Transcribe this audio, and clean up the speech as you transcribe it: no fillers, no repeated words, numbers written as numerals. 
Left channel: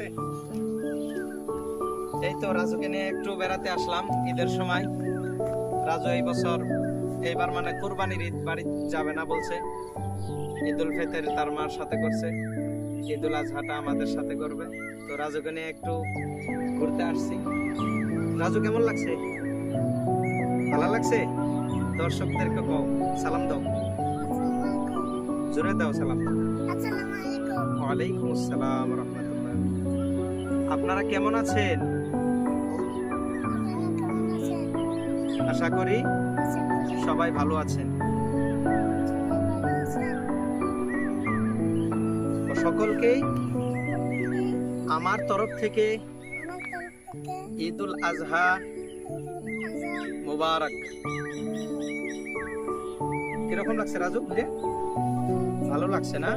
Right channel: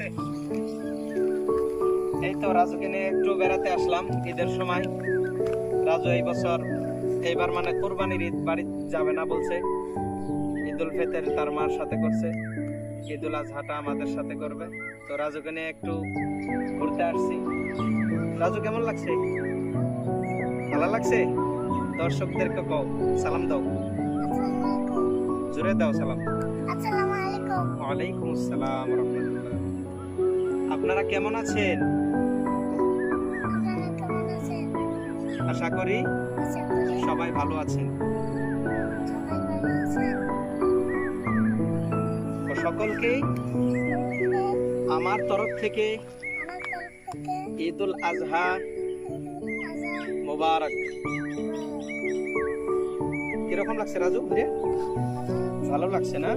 লাগছে? এই তো রাজুকে নিয়ে একটু বেড়াতে আসলাম ঈদের সময়। রাজু এইবার মানে কোরবানির ঈদ বাড়ি যাবে না বলছে। ঈদুল ফিতর তার মার সাথে করছে, ঈদুল আজহাটা আমাদের সাথে করবে। তো রাজুকে নিয়ে একটু ঘুরতে আসছি। রাজু কেমন লাগছে? ভালো লাগছে? দর্শকদেরকে কও, সালাম দাও, জোরে দাও সালাম। আসসালামু আলাইকুম। ওয়ালাইকুম আসসালাম রাহমাতুল্লাহ। আপনারা কেমন আছেন? আপনারা কেমন আছেন? আশা করি আশা করি সবাই ভালো আছেন। সবাই ভালো আছেন। তো সকলকে আমার তরফ থেকে আমার তরফ থেকে ঈদুল আজহা ঈদুল আজহা মোবারক। কিরকম লাগছে রাজু? ভালো লাগছে না?